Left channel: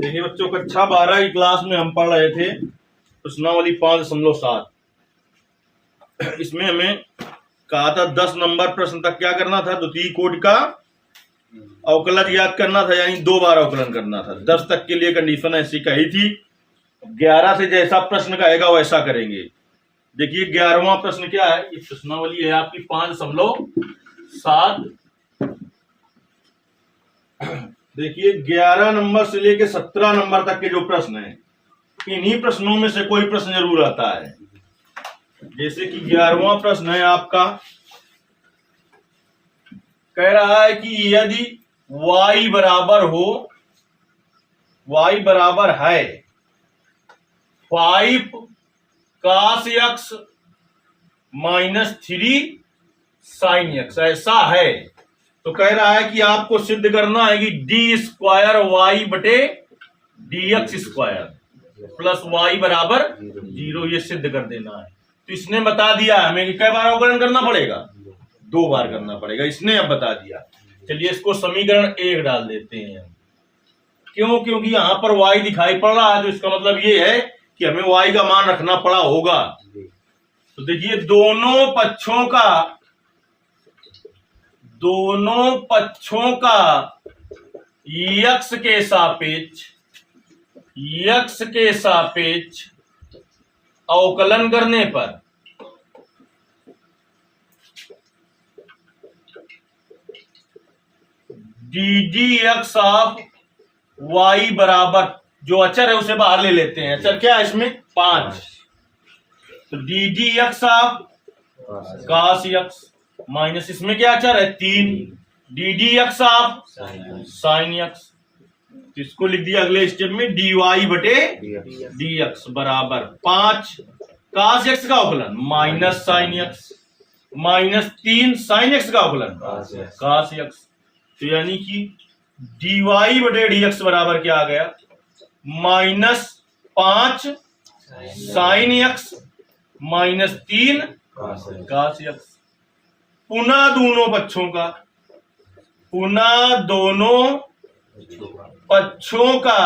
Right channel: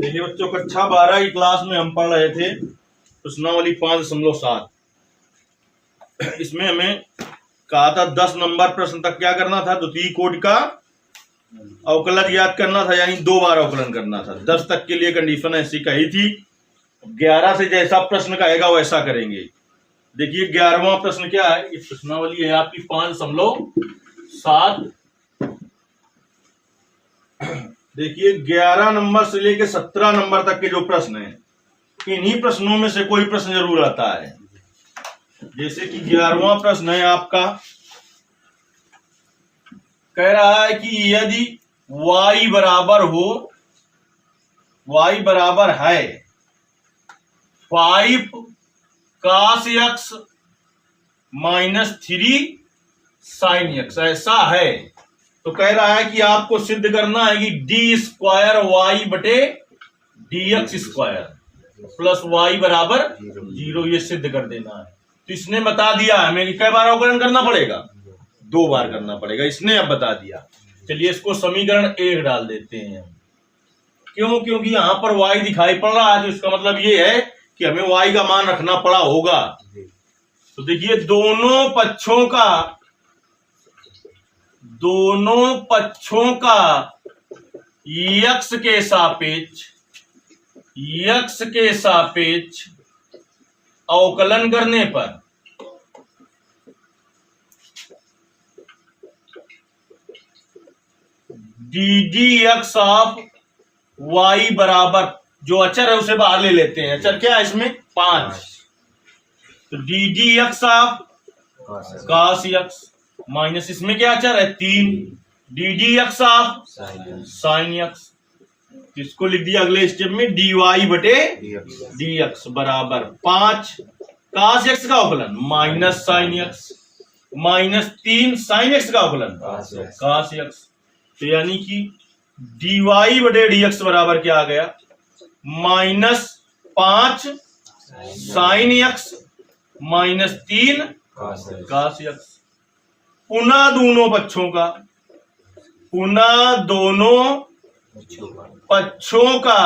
देखिए बच्चों, कक्षा 12 की क्लास में हम पढ़ रहे थे प्रश्नावली 5.7। इसमें हमें कहा था 10 नंबर प्रश्न तक क्या करना था, द्वितीय कोटि का अवकलज याद करना था, यानी 2 बार अवकलन करना था। 10 तक के लिए कंडीशन ऐसी कही थी। 11 से जैसा प्रश्न कहेगा वैसा करेंगे। देखिए 11वां प्रश्न क्या है, ये प्रश्नावली है आपकी 5.7। देखिए 11 नंबर से लेके 17 नंबर तक के जो प्रश्न हैं, इन्हीं प्रश्नों में से कोई प्रश्न जरूर आता है। जैसे कि 11वां प्रश्न है आपका, कह रहा है कि यदि y बराबर हो, y बराबर है 5 cos x minus 3 sin x, ऐसा है तो कह रहा है कि आपको सिद्ध करना है कि डी स्क्वायर वाई बटे D x square plus y बराबर 0, ये सिद्ध कर देना है। तो इसने बता दिया हमें कि कई बार अवकलन करना पड़ेगा, 2 बार करना पड़ेगा, इसने अब बता दिया। चलिए इसको समीकरण 1 डाल देते हैं हम। क्यों? क्योंकि यहां पर y दिखाई पड़ रहा है, तो इसका मतलब ये है कि हमें y का मान रखना पड़ा होगा। तो देखिए दोनों पक्षों का यक्स के सापेक्ष अवकलन करने पर d d x of y बराबर, जो अचर है उसे बाहर ले लेते हैं। अचर क्या है इसमें? 5। तो D d x of cos x minus इसमें क्या अचर है? 3। D d x of sin x, इसको लिख दिया अगले स्टेप में डी वाई बटे डी एक्स बराबर 5 cos x का अवकलन minus sin x minus 3 sin x का अवकलन cos x। तो यानी कि डी वाई बटे डी एक्स बराबर क्या आ गया? Minus 5 sin x minus 3 cos x। पुनः दोनों पक्षों का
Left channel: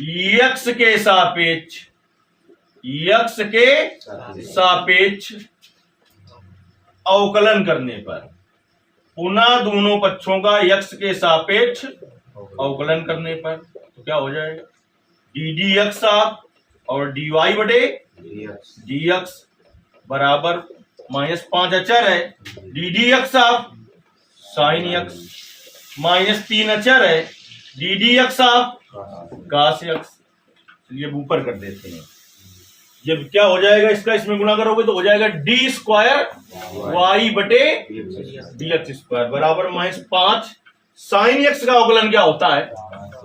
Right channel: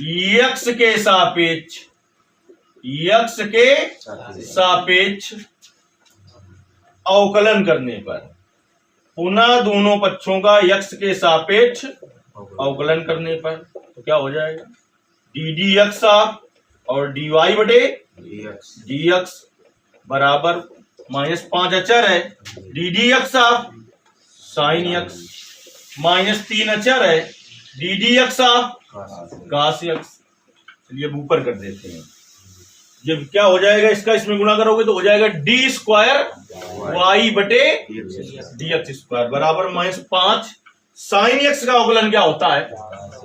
यक्स के सापेक्ष अवकलन करने पर, पुनः दोनों पक्षों का यक्स के सापेक्ष अवकलन करने पर तो क्या हो जाएगा? डी डी एक्स ऑफ और डी वाई बटे डी एक्स बराबर माइनस 5 अचर है, D d x of sine x minus 3 अचर है, D d x of cos x। चलिए ऊपर कर देते हैं। जब क्या हो जाएगा इसका, इसमें गुणा करोगे तो हो जाएगा डी स्क्वायर वाई बटे डी एक्स स्क्वायर बराबर माइनस 5 साइन एक्स का अवकलन क्या होता है?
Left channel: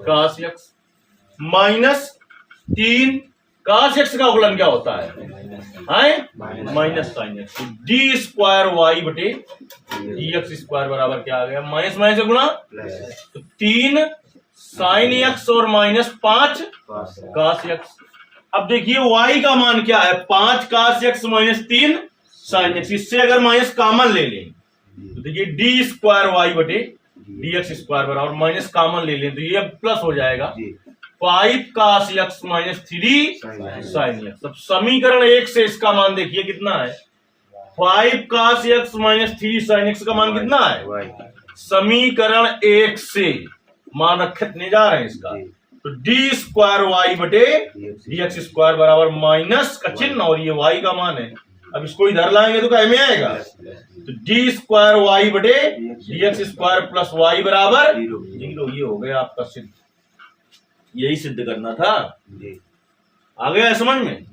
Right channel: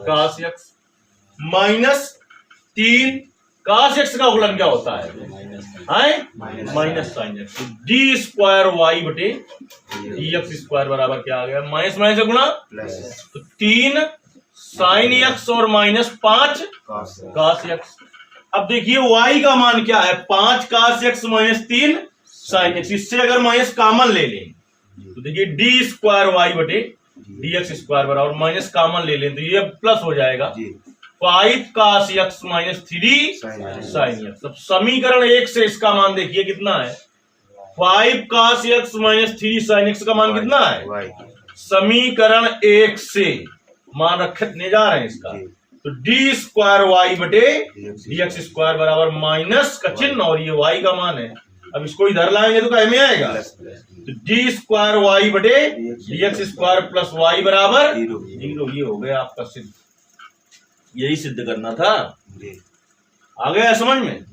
cos x minus 3 cos x का अवकलन क्या होता है? Minus sine x. तो डी स्क्वायर वाई बटे डी एक्स स्क्वायर बराबर क्या आ गया? माइनस माइनस से गुणा, तो 3 साइन एक्स और माइनस 5 cos x। अब देखिए y का मान क्या है? 5 cos x minus 3 sine x. इससे अगर माइनस कॉमन ले लें तो देखिए डी स्क्वायर वाई बटे डी एक्स स्क्वायर बराबर माइनस कॉमन ले लें तो ये प्लस हो जाएगा 5 cos x minus 3 sine x. अब समीकरण 1 से इसका मान देखिए कितना है? 5 cos x minus 3 sine x का मान कितना है? समीकरण 1 से मान रखने जा रहे हैं इसका, तो डी स्क्वायर वाई बटे डी एक्स स्क्वायर बराबर माइनस का चिन्ह और ये y का मान है। अब इसको इधर लाएंगे तो क्या में आएगा? तो डी स्क्वायर वाई बटे D x square plus y बराबर 0। ये हो गया आपका सिद्ध। यही सिद्ध करना था। आ गया समझ में?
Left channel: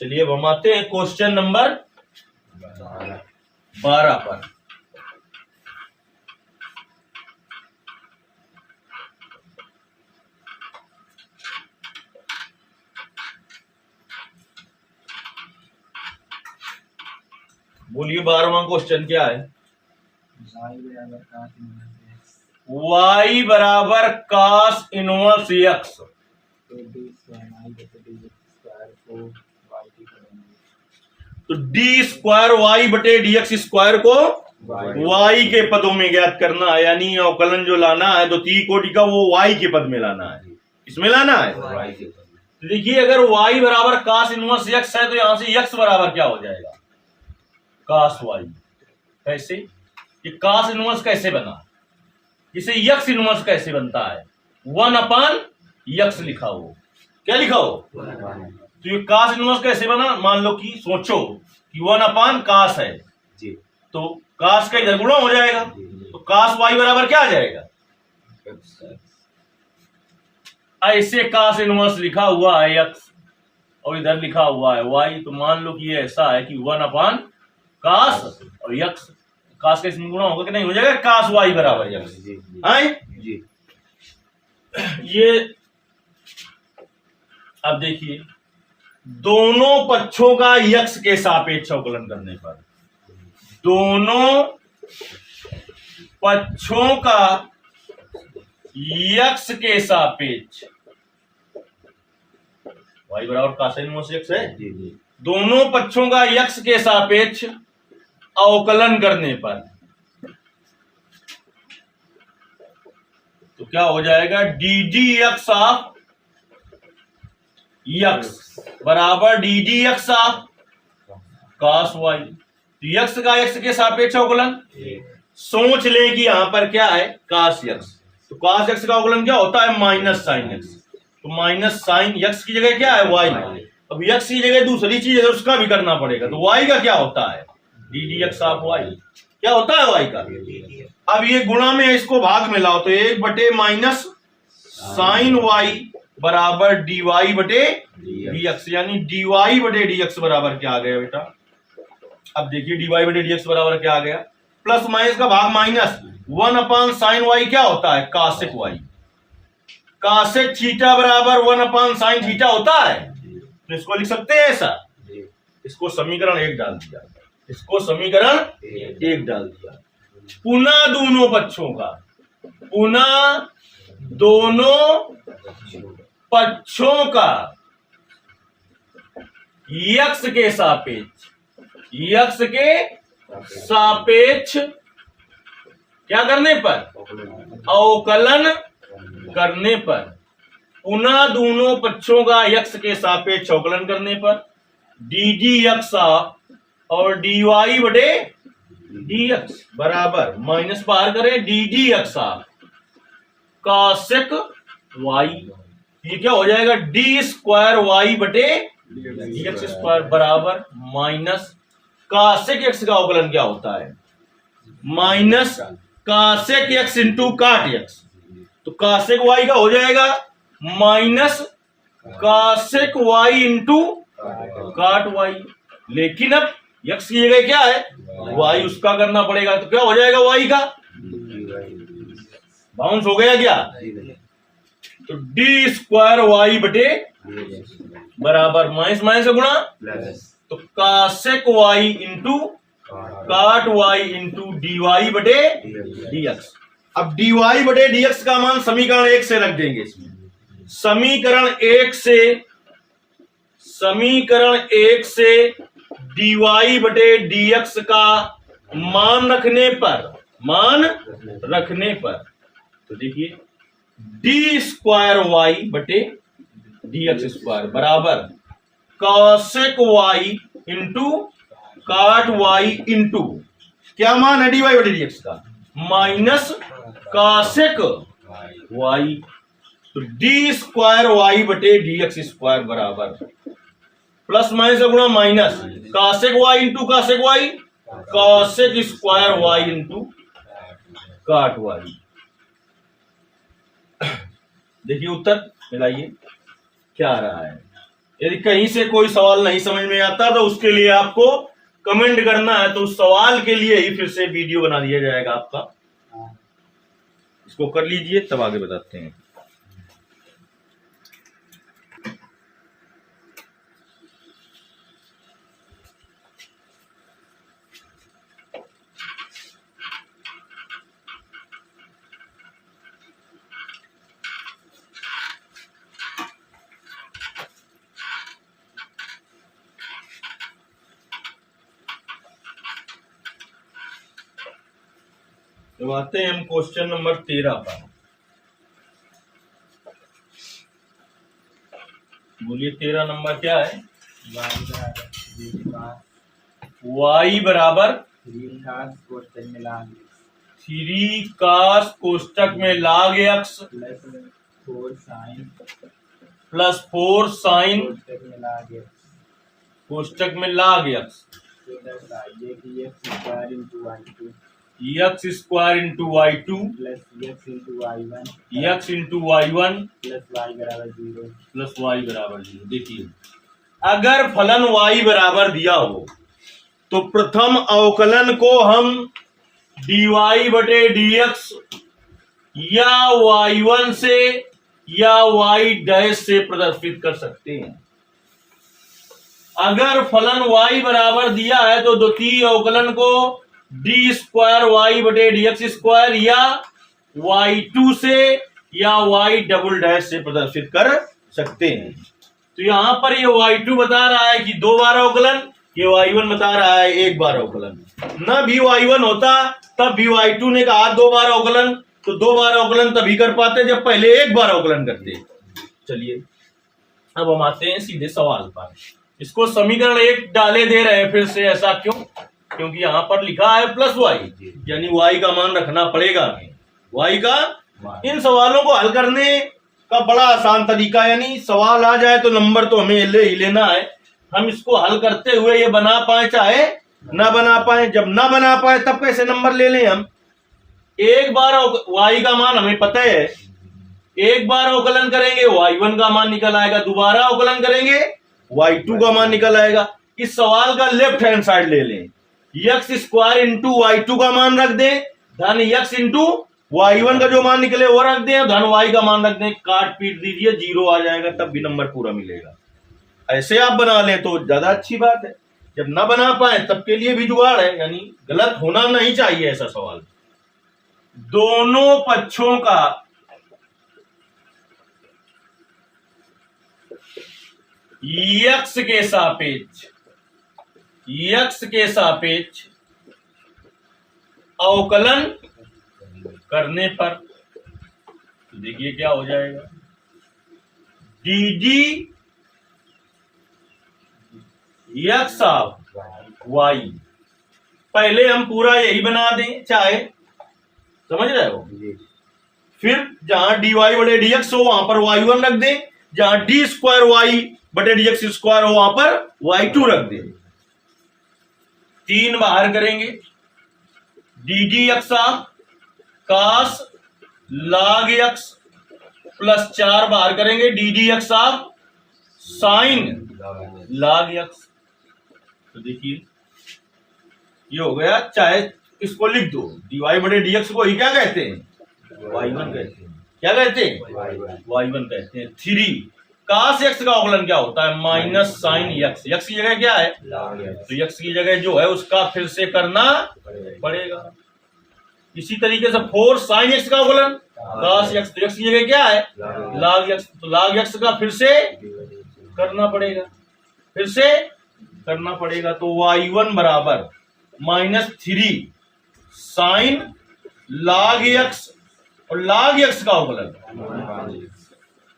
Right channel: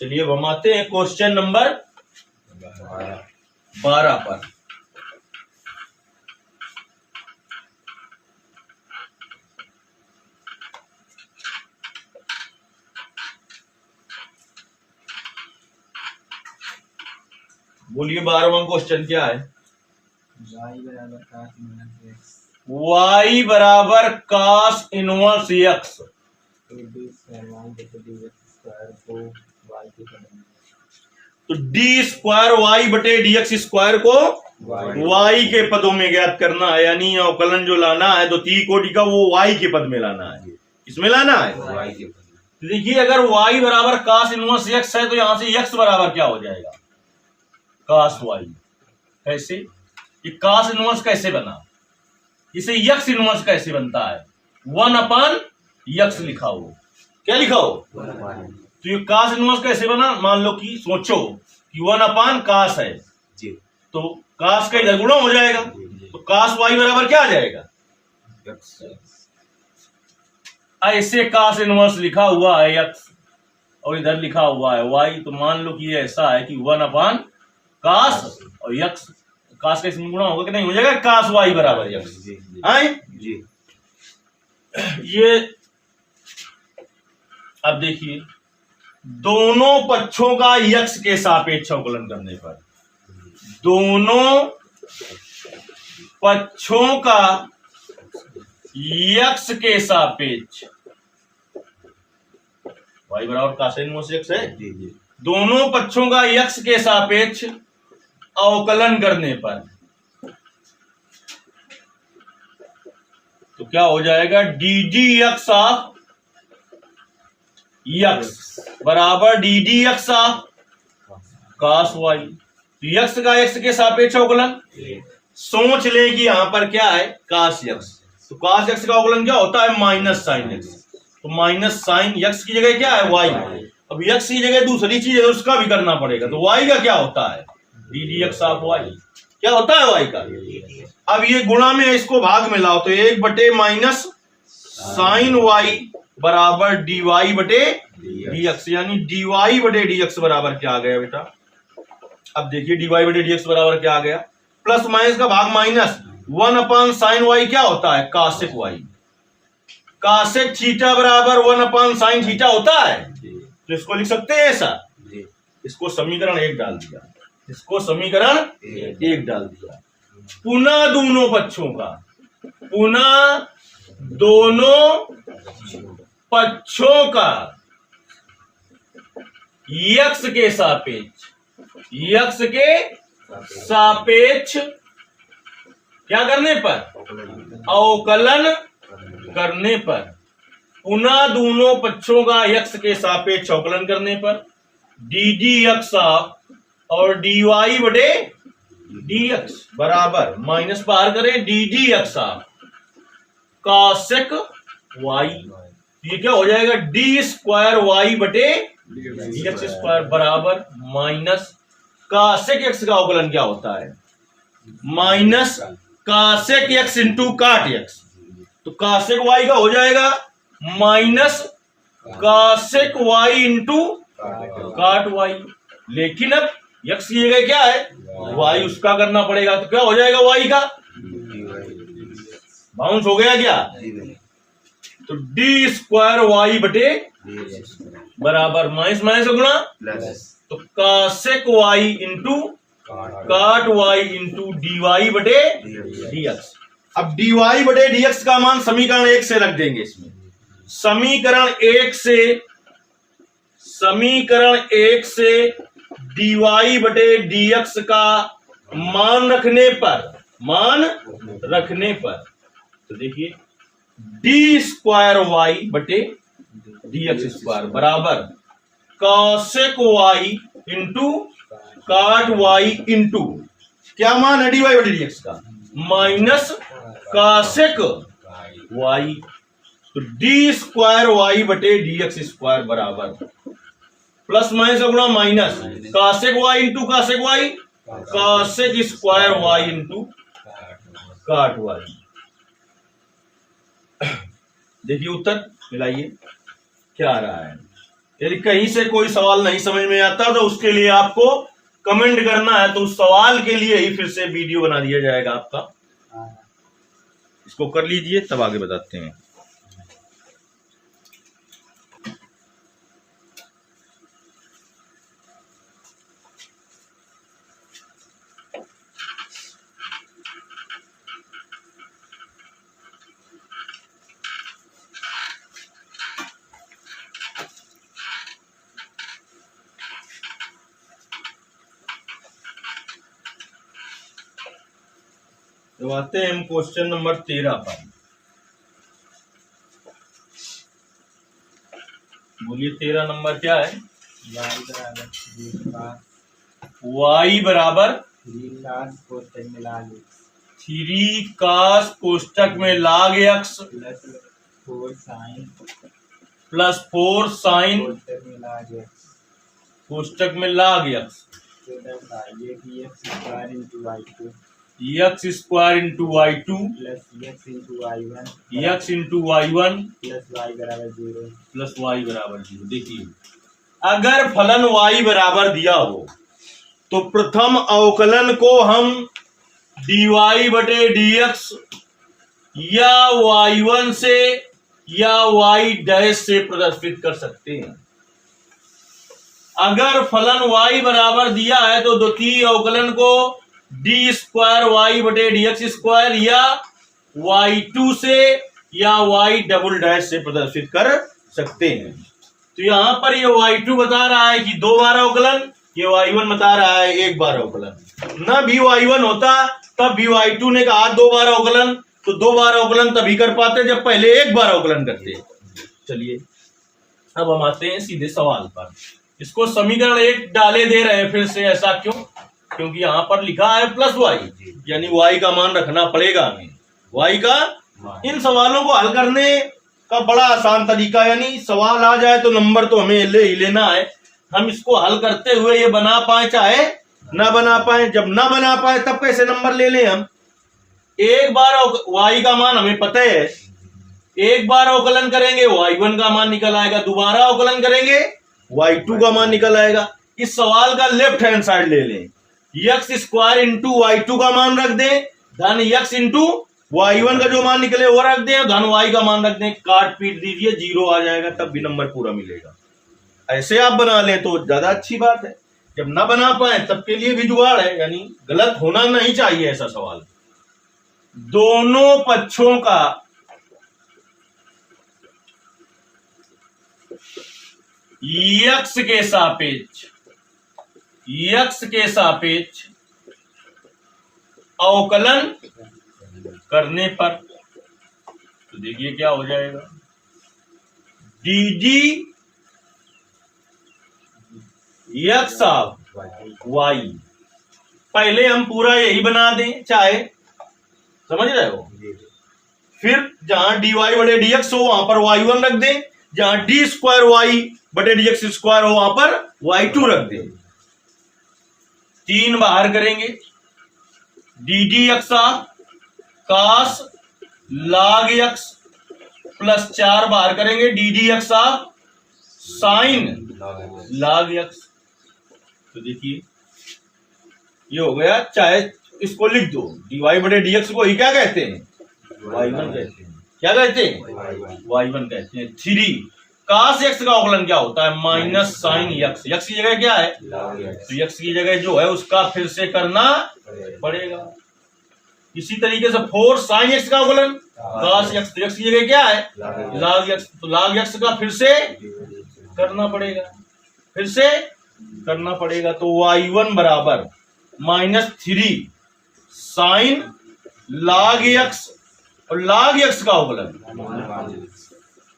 चलिए अब हम आते हैं क्वेश्चन नंबर 12 पर। बोलिए 12वां क्वेश्चन क्या है? y बराबर cos इनवर्स x। तो डी स्क्वायर वाई बटे डी एक्स स्क्वायर को y के पदों में ज्ञात करना है, यानी अवकलन जो लाना है द्वितीय कोटि का वो y के पद में लाना है। इसमें लाना है देखिए, अगर y बराबर cos इनवर्स x है तो यहां से x बराबर क्या हो जाएगा, cos y। कैसे, ये cos इनवर्स कैसे बना, इसे x इनवर्स कैसे बनता है, 1/x लिखा हो, क्या लिखा हो, तो ये cos इनवर्स कैसे बना, मान लो कि सोचो कि 1/cos है जी, तो cos का इधर गुणा हो जाएगा, तो cos y बराबर क्या आ जाएगा, ऐसे cos इनवर्स लिखा हुआ है x और इधर लिखा हुआ है y, तो मान लो कि ये ऐसा है कि 1/cos और x, cos का इसमें गुणा होगा कि नहीं हो जाएगा, cos y बराबर x आए जी। ये अब देखिए, दोनों पक्षों का x के सापेक्ष अवकलन करने पर, दोनों पक्षों का x के सापेक्ष, y बराबर cos इनवर्स x है, दोनों पक्षों का x के सापेक्ष अवकलन करने पर तो क्या हो जाएगा, d d x of x बराबर d d x of cos y। तो x का x के सापेक्ष अवकलन, सोच ले कि यहां पर क्या है cos x, तो cos x का अवकलन क्या होता है, माइनस साइन x, तो माइनस साइन x की जगह क्या है y, अब x की जगह दूसरी चीज है उसका भी करना पड़ेगा, तो y का क्या होता है, D d x of y, क्या होता है y का। अब ये गुणा में इसको भाग में लाओ तो 1 माइनस साइन y बराबर डी वाई बटे डी एक्स, यानी डी वाई बटे डी एक्स बराबर क्या आ गया बेटा, अब देखिए डी वाई बटे डी एक्स बराबर क्या आ गया, प्लस माइनस का भाग माइनस 1/sin y क्या होता है, कासेक y, कासेक थीटा बराबर 1/sin थीटा होता है, तो इसको लिख सकते हैं ऐसा, इसको समीकरण 1 डाल दिया, इसको समीकरण 1 डाल दिया, पुनः दोनों पक्षों का, पुनः दोनों पक्षों का x के सापेक्ष, x के सापेक्ष क्या करने पर, अवकलन करने पर, पुनः दोनों पक्षों का x के सापेक्ष अवकलन करने पर डी डी एक्स और डी वाई बटे डी एक्स बराबर माइनस बाहर करें डी डी एक्स कासेक वाई, ये क्या हो जाएगा, डी स्क्वायर वाई बटे डी एक्स स्क्वायर बराबर माइनस कासेक एक्स का अवकलन क्या होता है, माइनस कासेक एक्स इंटू काट एक्स, तो कासेक वाई का हो जाएगा minus कासेक Y into cot Y, लेकिन अब x की जगह क्या है y, उसका करना पड़ेगा, तो क्या हो जाएगा y का, बाउंस हो गया क्या, तो डी स्क्वायर वाई बटे बराबर माइनस माइनस से गुणा, तो कासेक Y into cot y into D Y बटे डी एक्स। अब डी वाई बटे डी एक्स का मान समीकरण 1 से रख देंगे, इसमें समीकरण 1 से डी वाई बटे डी एक्स का मान रखने पर तो देखिए डी स्क्वायर वाई बटे डी एक्स स्क्वायर बराबर cosec y into cot y into क्या मान है डी वाई बटे डी एक्स का, माइनस कॉसेक वाई, तो डी स्क्वायर वाई बटे डी एक्स स्क्वायर बराबर प्लस माइनस का गुणा minus cosec y into cosec y, cosec square y into cot y. देखिए उत्तर मिलाइए क्या आ रहा है। यदि कहीं से कोई सवाल नहीं समझ में आता तो उसके लिए आपको कमेंट करना है, तो उस सवाल के लिए ही फिर से वीडियो बना दिया जाएगा आपका, इसको कर लीजिए तब आगे बताते हैं। तो आते हैं हम क्वेश्चन नंबर 13 पर। बोलिए 13 नंबर क्या है? y बराबर 3 cos कोष्टक में log x प्लस 4 sin कोष्टक में log x x square into y2 x into y1 plus y बराबर 0। देखिए अगर फलन y बराबर दिया हो तो प्रथम अवकलन को हम dy बटे dx या y1 से या y डैश से प्रदर्शित कर सकते हैं। अगर फलन y बराबर दिया है तो द्वितीय अवकलन को डी स्क्वायर y बटे dx स्क्वायर या y2 से या y डबल डैश से प्रदर्शित कर सकते हैं। तो यहां पर ये y2 बता रहा है कि 2 बार अवकलन, ये y1 बता रहा है 1 बार अवकलन। ना भी y1 होता तब भी y2 ने कहा 2 बार अवकलन, तो 2 बार अवकलन तभी कर पाते जब पहले 1 बार अवकलन करते। चलिए अब हम आते हैं सीधे सवाल पर। इसको समीकरण 1 डाले दे रहे हैं फिर से, ऐसा क्यों? क्योंकि यहां पर लिखा है प्लस y, यानी y का मान रखना पड़ेगा हमें, y का। इन सवालों को हल करने का बड़ा आसान तरीका, यानी सवाल आ जाए तो नंबर तो हमें ले ही लेना है। हम इसको हल करते हुए ये बना पाए चाहे ना बना पाए, जब ना बना पाए तब कैसे नंबर ले लें हम? एक बार y का मान हमें पता है, एक बार अवकलन करेंगे y1 का मान निकल आएगा, दोबारा अवकलन करेंगे y2 का मान निकल आएगा। इस सवाल का लेफ्ट हैंड साइड ले लें, x स्क्वायर इंटू y2 का मान रख दें, धन x इंटू y1 का जो मान निकले वो रख दें, धन y का मान रख दें, काट पीट दीजिए, 0 आ जाएगा, तब भी नंबर पूरा मिलेगा। ऐसे आप बना लें तो ज्यादा अच्छी बात है। जब ना बना पाए तब के लिए भी जुगाड़ है, यानी गलत होना नहीं चाहिए ऐसा सवाल। दोनों पक्षों का x के सापेक्ष अवकलन करने पर, तो देखिए क्या हो जाएगा, डी x ऑफ y। पहले हम पूरा यही बना दें चाहे, समझ रहे हो? फिर जहां dy बटे dx हो वहां पर y1 रख दें, जहां डी स्क्वायर y बटे dx स्क्वायर हो वहां पर y2 रख दें। 3 बाहर करेंगे, D dx of cos log x plus 4 बाहर करेंगे, D dx of sin log x। तो देखिए ये हो गया, चाहे इसको लिख दो, dy बटे dx को ही क्या कहते हैं? y1 कहते हैं। क्या कहते हैं? y1 कहते हैं। 3 cos x का अवकलन क्या होता है? Minus sign x। x की जगह क्या है? तो x की जगह जो है उसका फिर से करना पड़ेगा। इसी तरीके से 4 sin x का अवकलन cos x, तो x की जगह क्या है? log x, तो log x का फिर से करना पड़ेगा, फिर से करना पड़ेगा। तो y1 बराबर -3 sin log x, और log x का अवकलन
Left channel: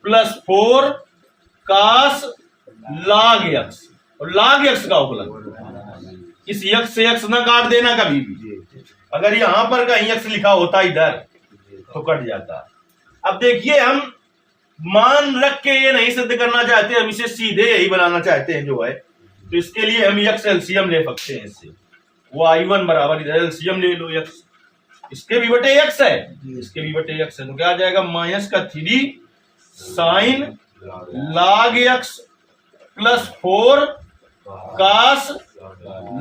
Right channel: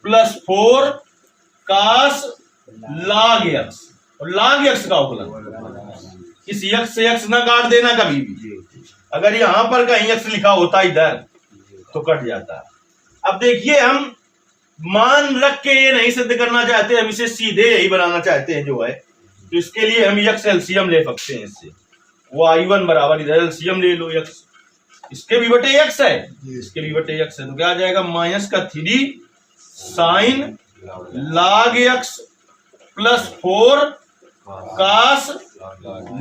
प्लस 4 cos log x, और log x का अवकलन। इस x से x ना काट देना कभी भी, अगर यहां पर कहीं x लिखा होता इधर तो कट जाता। अब देखिए हम मान रख के ये नहीं सिद्ध करना चाहते, हम इसे सीधे यही बनाना चाहते हैं जो है, तो इसके लिए हम x एलसीएम ले सकते हैं। इससे y1 बराबर, इधर एलसीएम ले लो, x इसके भी बटे x है, इसके भी बटे x है, तो क्या आ जाएगा? -3 sin log x plus 4 cos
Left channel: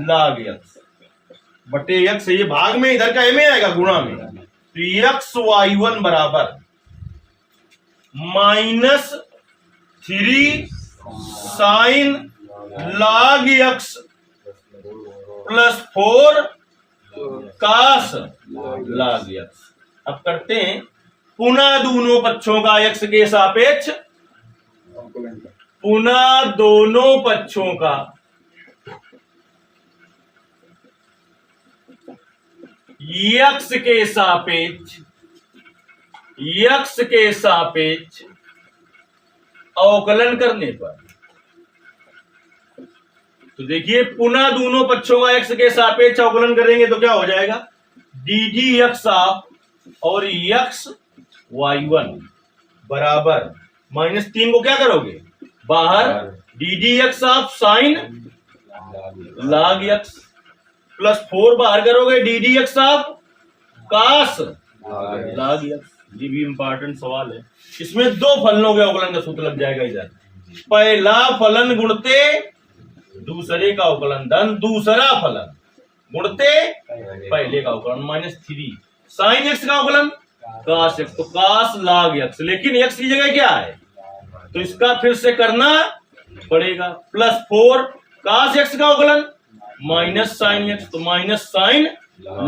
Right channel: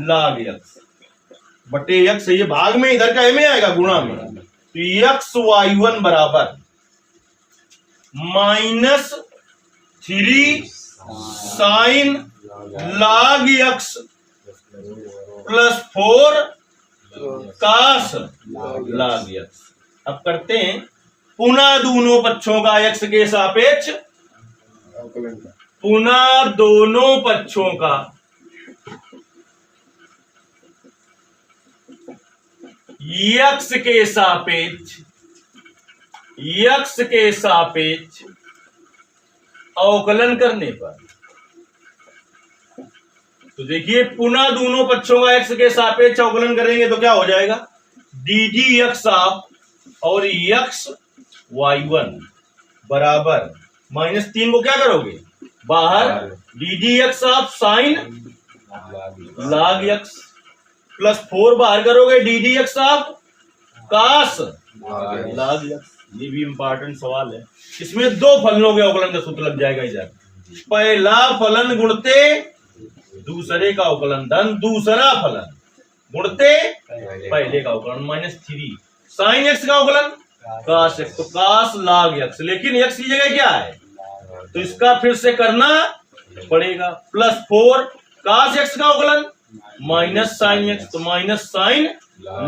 log x बटे x। ये भाग में, इधर का में आएगा गुणा में, तो x y1 बराबर -3 sin log x plus 4 cos log x। अब करते हैं पुनः दोनों पक्षों का x के सापेक्ष, पुनः दोनों पक्षों का यक्स के सापेक्ष अवकलन करने पर, तो देखिए पुनः दोनों पक्षों का x के सापेक्ष अवकलन करेंगे तो क्या हो जाएगा, डी जी एक्स ऑफ और x y1 बराबर -3 को क्या करोगे बाहर, d g x of sine log x plus 4 बाहर करोगे, d g x of cos log x। ये भी इंपॉर्टेंट सवाल है, इसमें दो फलनों के अवकलन का सूत्र लग जाएगा इधर, पहला फलन गुणते दूसरे का अवकलन धन दूसरा फलन गुणते पहले का अवकलन -3 साइन एक्स का अवकलन कास एक्स, तो कास log x, लेकिन x की जगह क्या है तो इसका फिर से करना पड़ेगा, प्लस 4 कास एक्स का अवकलन माइनस साइन एक्स, तो माइनस साइन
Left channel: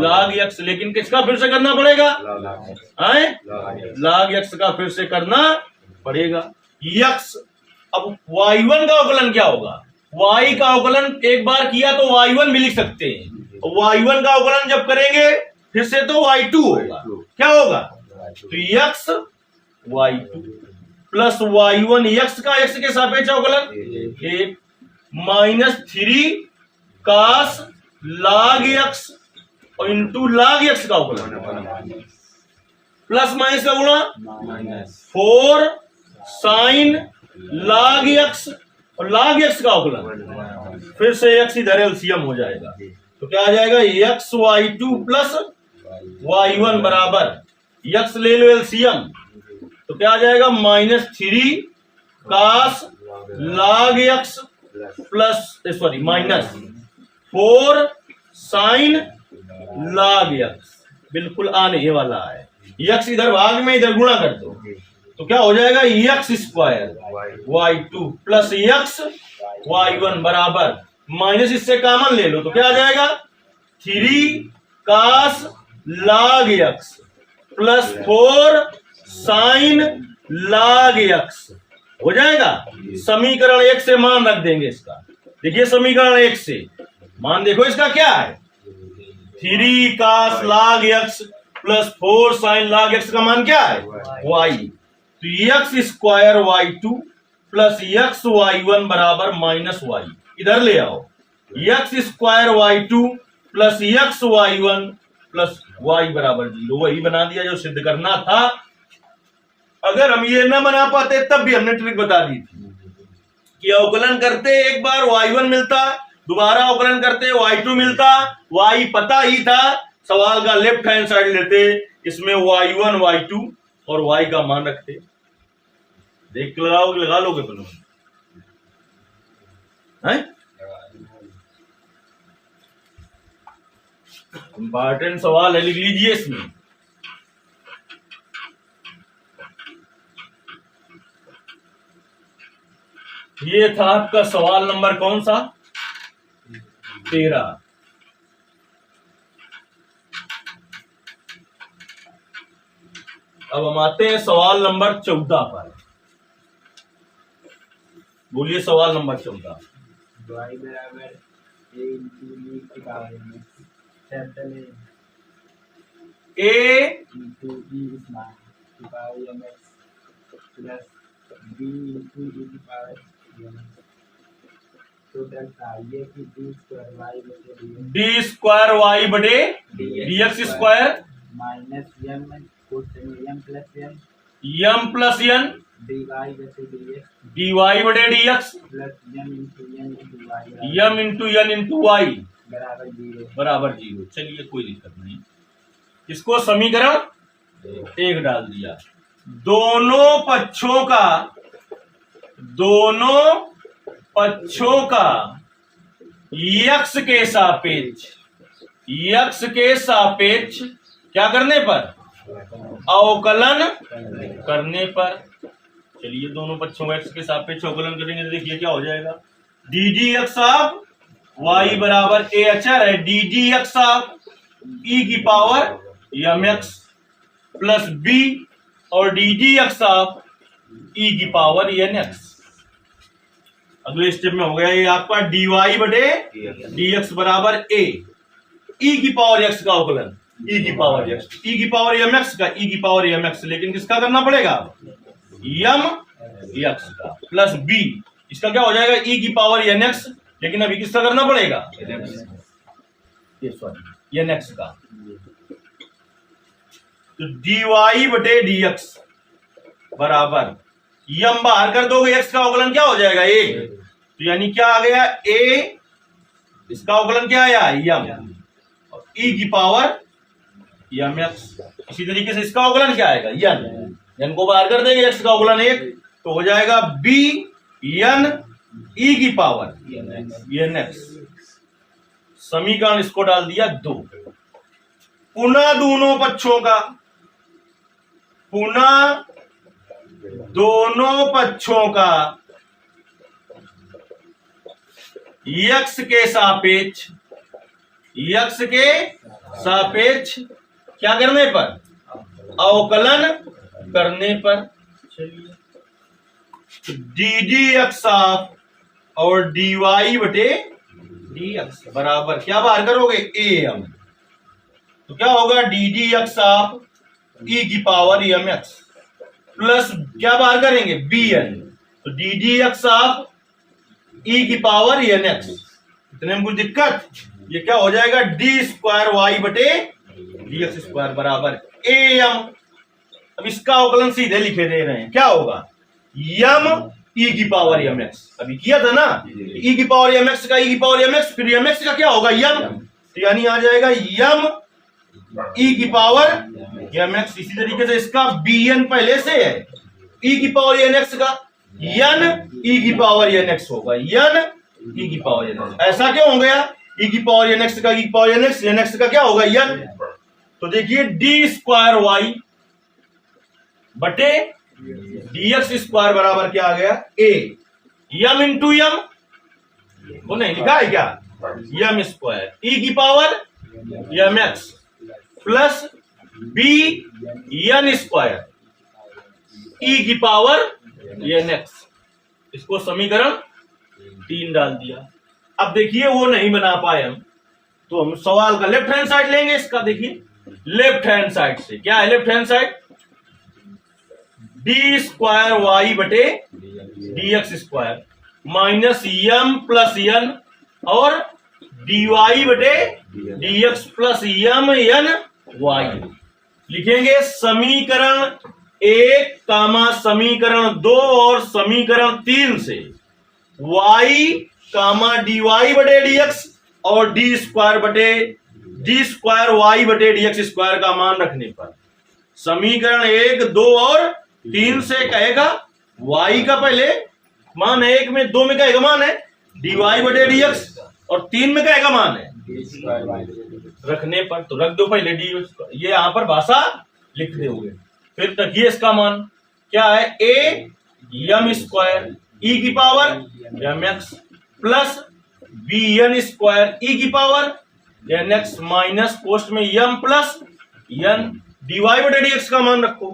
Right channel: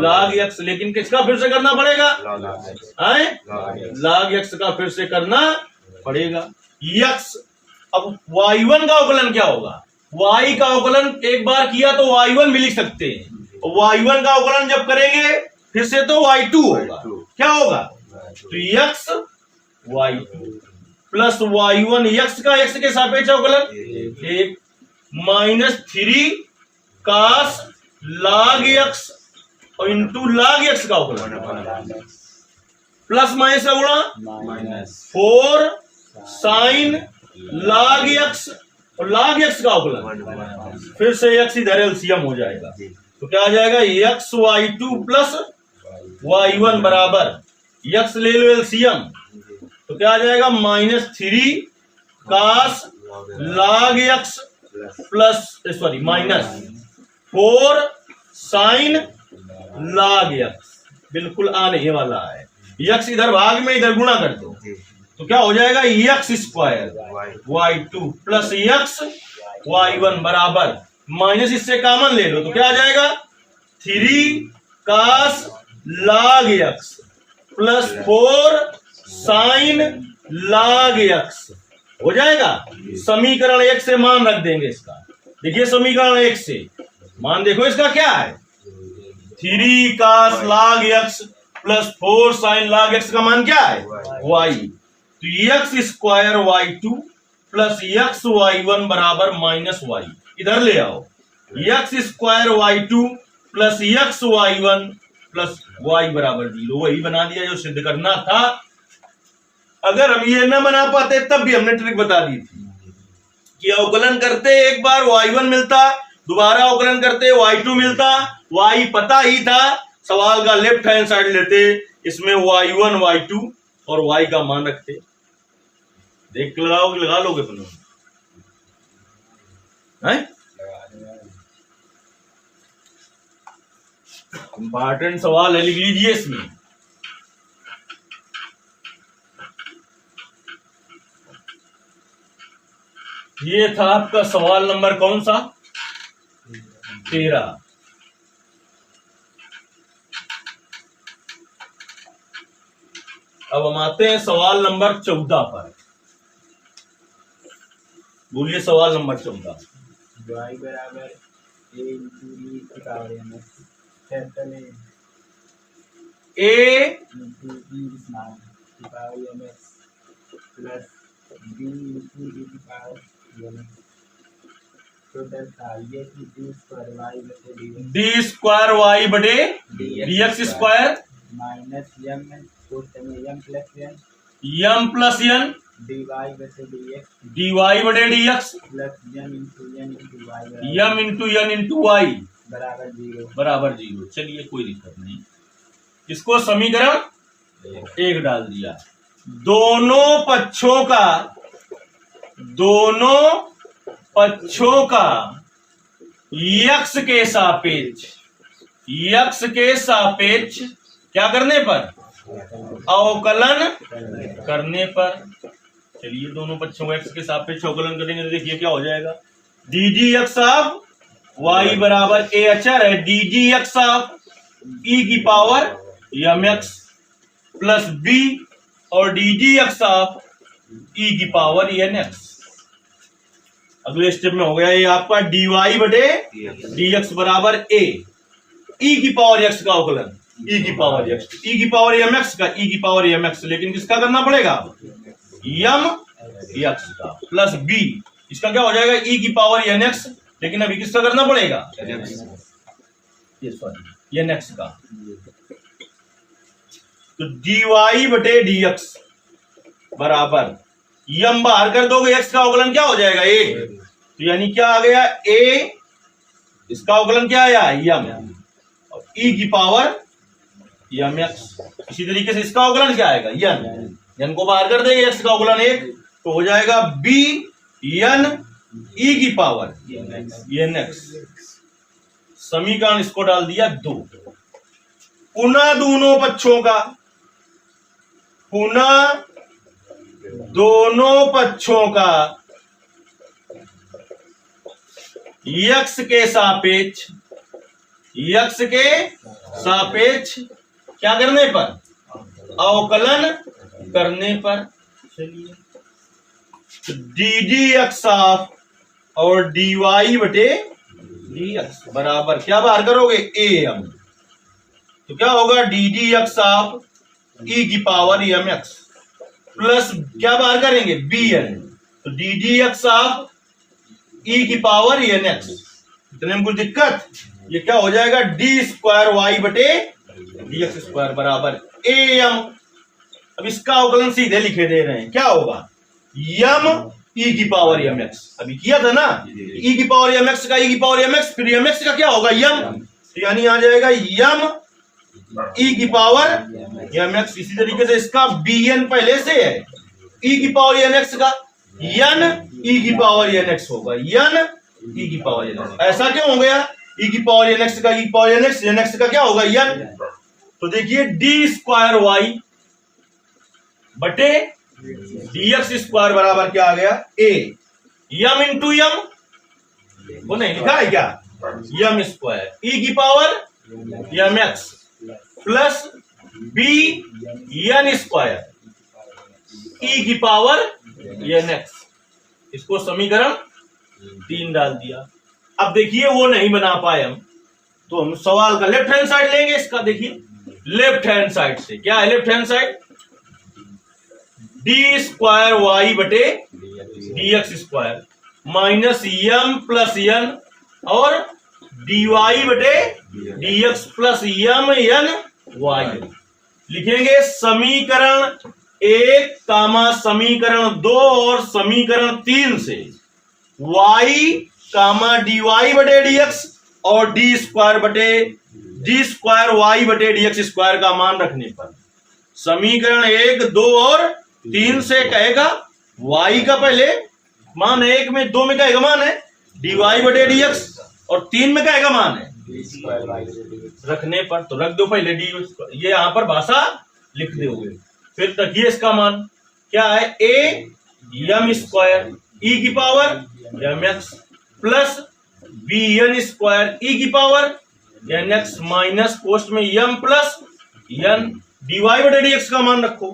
log x, लेकिन किसका फिर से करना पड़ेगा, log x का फिर से करना पड़ेगा। x अब y1 का अवकलन क्या होगा, y का अवकलन एक बार किया तो y1 भी लिख सकते हैं, y1 का अवकलन जब करेंगे फिर से तो y2 होगा, क्या होगा तो x y2 plus y1 x का x के सापेक्ष अवकलन 1 -3 कास log x और इंटू log x का अवकलन प्लस माइनस का गुणा 4 साइन log x और log x का अवकलन, फिर से x इधर एलसीएम हो जाएगा, तो क्या आ जाएगा x y2 प्लस y1 बराबर x ले लो एलसीएम, तो क्या आ जाएगा -3 cos log x plus minus 4 sine log x, बिल्कुल आने वाला है, x इधर भाग में इधर गुणा कर दो तो क्या हो जाएगा x square y2 plus x y1 बराबर माइनस इससे कॉमन ले लो तो क्या आ जाएगा 3 cos log x plus 4 sine log x हो जाएगा। समीकरण 1 से मान रख देंगे इसका, देखिए समीकरण 1 से मान देखो इसका क्या है 3 cos log x plus 4 sine log x का मान क्या है y, तो x square y2 plus x y1 बराबर -y, इधर ले आओ x square y2 plus x y1 plus y बराबर 0, वही बना दिया जो सिद्ध करना था। अगर हम ये ना बना पाते तब भी हमने ट्रिक बता दी थी कि अवकलन करते एक बार y1 मिलता, दोबारा अवकलन करते y2 मिलता, y पता ही था, सवाल का लेफ्ट हैंड साइड लेते, इसमें y1 y2 और y का मान रखते, देख के लगा लोगे तुम इंपॉर्टेंट सवाल है, लिख लीजिए इसमें। ये था आपका सवाल नंबर कौन सा 13। अब हम आते हैं सवाल नंबर 14 पर, बोलिए सवाल नंबर 14। y बराबर a इंटू e की power mx capital a into e small की power mx plus b into e की पावर mx, तो डेल्टा ये की d स्क्वायर y बटे dx, d स्क्वायर y बटे dx स्क्वायर माइनस m को m plus n m plus n dy बटे dx dy बटे dx plus m into n into y बराबर 0। चलिए कोई दिक्कत नहीं, इसको समीकरण 1 डाल दिया। दोनों पक्षों का x के सापेक्ष क्या करने पर अवकलन करने पर, चलिए दोनों पक्षों का x के सापेक्ष अवकलन करेंगे तो देखिए क्या हो जाएगा, d g x of y बराबर a अचर है, D g x of e की पावर mx प्लस b और D g x of e की पावर nx। अगले स्टेप में हो गया ये आपका dy बटे dx बराबर a e की पावर x का अवकलन ई की पावर एक्स, ई की पावर एम एक्स का, ई की पावर एम एक्स, लेकिन किसका करना पड़ेगा, एम एक्स का प्लस बी, इसका क्या हो जाएगा, ई की पावर एन एक्स, लेकिन अभी किसका करना पड़ेगा, सॉरी एन एक्स का। तो डी वाई बटे डी एक्स बराबर यम बाहर कर दोगे, एक्स का अवकलन क्या हो जाएगा, ए, तो यानी क्या आ गया, ए, इसका अवकलन क्या आया, यम, और ई की पावर यम एक्स। इसी तरीके से इसका अवकलन क्या आएगा, यन, यन को बाहर कर देंगे, एक्स का अवकलन एक, तो हो जाएगा बी यन ई की पावर एन एक्स। समीकरण इसको डाल दिया 2। पुनः दोनों पक्षों का, पुनः दोनों पक्षों का यक्स के सापेक्ष, यक्स के सापेक्ष क्या करने पर, अवकलन करने पर। चलिए, तो डी डी एक्स ऑफ और डी वाई बटे डी एक्स बराबर क्या बाहर करोगे, ए एम, तो क्या होगा, डी डी एक्स ऑफ ई की पावर एम एक्स प्लस क्या बाहर करेंगे, बी एन, तो डी डी एक्स ऑफ ई की पावर एन एक्स। इतने में कुछ दिक्कत, ये क्या हो जाएगा, डी स्क्वायर वाई बटे डी एक्स स्क्वायर बराबर ए एम। अब इसका अवकलन सीधे लिखे दे रहे हैं, क्या होगा, यम ई की पावर एम एक्स, अभी किया था ना, ई की पावर एम एक्स का, ई की पावर एम एक्स, फिर एम एक्स का क्या होगा, यम, तो यानी आ जाएगा यम ई की पावर एम एक्स। इसी तरीके से इसका बी एन पहले से है, ई की पावर एन एक्स का, यन ई की पावर एन एक्स होगा, यन ई की पावर एन एक्स। ऐसा क्यों हो गया, ई की पावर एन एक्स का, ई की पावर एन एक्स का क्या होगा, यन। तो देखिए डी स्क्वायर वाई बटे डी एक्स स्क्वायर बराबर क्या आ गया, ए यम इंटू यम, वो नहीं लिखा है क्या, यम स्क्वायर ई की power m x plus b n square e की पावर एन एक्स। इसको समीकरण 3 डाल दिया। अब देखिए वो नहीं बना पाए हम, तो हम सवाल का लेफ्ट हैंड साइड लेंगे इसका। देखिए लेफ्ट हैंड साइड से क्या है, left hand side D square Y बटे D x square minus M plus N और डी वाई बटे D X plus M N Y लिखेंगे। समीकरण 1 कामा समीकरण 2 और समीकरण 3 से y कामा डी वाई बटे डी एक्स और डी स्क्वायर वाई बटे डी एक्स स्क्वायर का मान रखने पर समीकरण 1, 2 और 3 से कहेगा y का पहले मान है, 1 में 2 में कहेगा मान है डी वाई बटे डी एक्स और 3 में कहेगा मान है रखने पर, तो रख दो पहले डी, ये यहां पर भाषा लिख दे हुए। फिर तकिए इसका मान क्या है, ए यम स्क्वायर ई की power M x plus b n square e की power n x minus post में m plus n d Y बटे डी एक्स का मान रखो।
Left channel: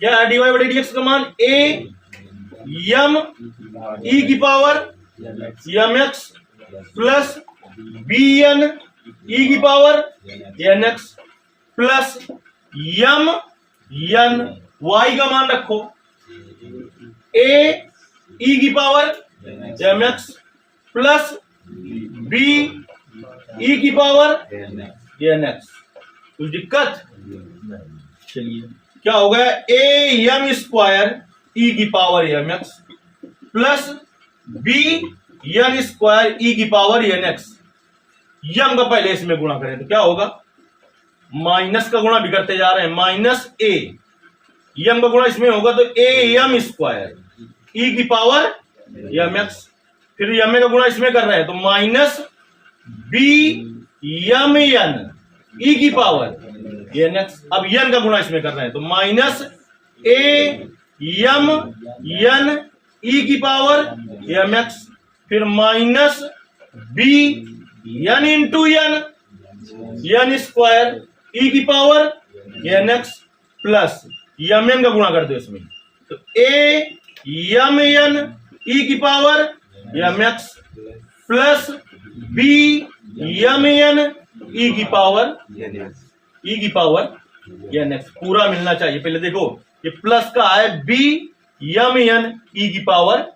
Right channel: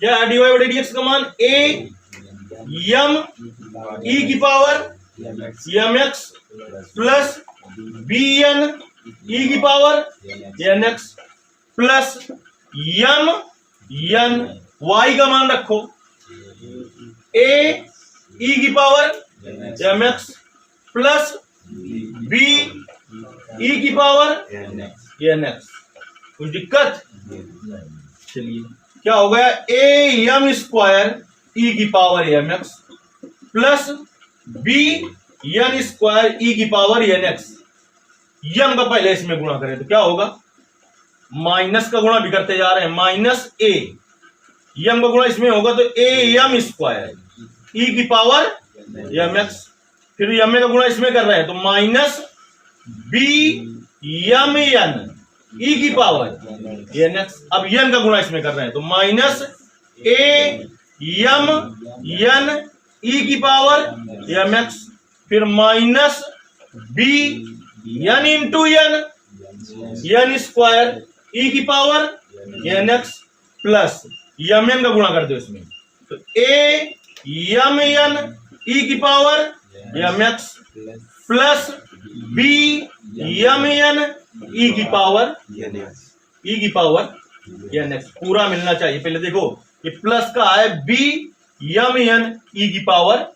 क्या है डी वाई बटे डी एक्स का मान, ए यम ई की power M x plus b n ई की power n x plus M N y का मान रखो, ए ई की power M x plus b ई की पावर एन एक्स। कुछ दिक्कत? चलिए क्या हो गया, ए एम स्क्वायर ई की power M x plus b n square e की पावर एन एक्स। यम का पहले इसमें गुणा करें तो क्या होगा, माइनस का गुणा भी करते जा रहे हैं, माइनस ए यम का गुणा इसमें होगा तो ए एम स्क्वायर ई की पावर एम एक्स, फिर यम का गुणा इसमें कर रहे हैं तो minus b M N E की पावर एन एक्स। अब एन का गुणा इसमें कर रहे हैं तो minus a m N E की पावर एम एक्स, फिर minus b n into n n square e की पावर एन एक्स प्लस यम एन का गुणा कर दो इसमें तो ए यम एन ई की power M x plus B M N E की पावर NX ई की पावर एन एक्स पूरा मिलना चाहिए। पहले देखो ये प्लस का है बी यम एन ई की पावर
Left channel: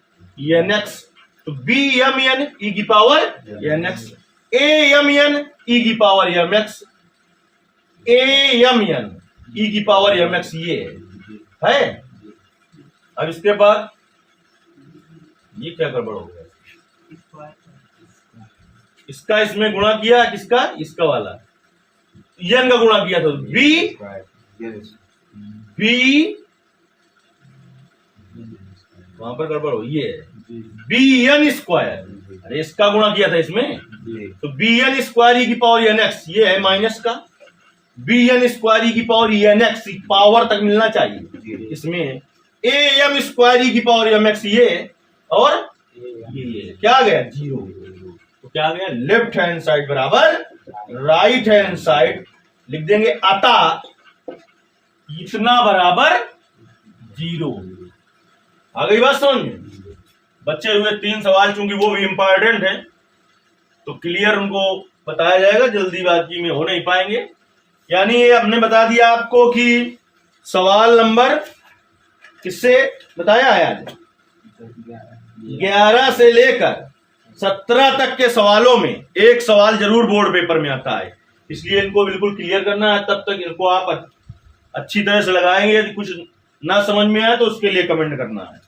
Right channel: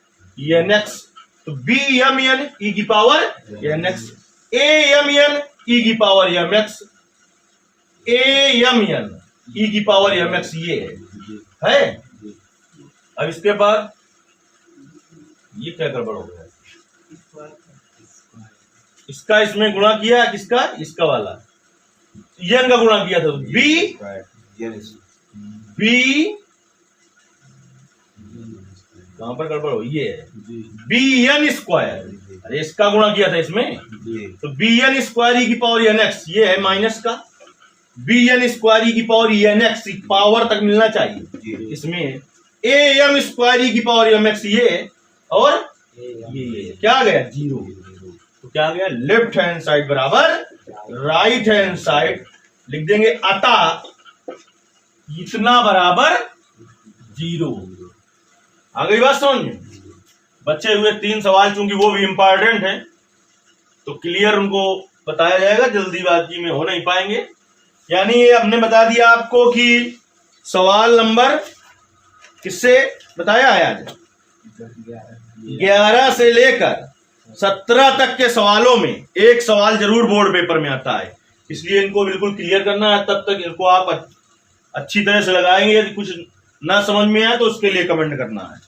एन एक्स, तो बी यम एन ई की पावर एन एक्स, ए यम एन ई की पावर एम एक्स, ए यम एन ई की पावर एम एक्स, ये है। अब इसके बाद ये क्या गड़बड़ हो गया, इसका इसमें गुणा किया, किसका, इसका वाला यन का गुणा किया था, बी बी कहां पर गड़बड़ हो, ये बी एन स्क्वायर, अरे इसका गुणा किया था इसमें, तो बी एन स्क्वायर ई की पावर एन एक्स, ये है माइनस का बी एन स्क्वायर ई की पावर एन एक्स, पावर तक मिलना चाहिए इसमें, ए एम स्क्वायर ई की पावर एम एक्स, ये और ये क्या आ गया, जीरो। तो क्या आ गया, लेफ्ट हैंड साइड बराबर राइट हैंड साइड, लिख देंगे अतः इतना बराबर जीरो। आ गई बात समझ में। बचे हुए 3 सवाल चूंकि वो भी इंपॉर्टेंट हैं तो क्लियर उनको बताया जाएगा, जल्दीबाजी में हो नहीं पाएंगे। यानी ये हमने बता दिया आपको कि सवाल नंबर किससे बताया है आज, 11 से लेकर 17 तक के सवालों में एक सवाल जरूर बोर्ड पेपर में आता है, इसलिए इनको बिल्कुल क्लियर करना है। तब तक इनको आप अच्छी तरह से लगाएंगे। यदि कुछ ना समझ में आए तो उसके लिए कमेंट करना है।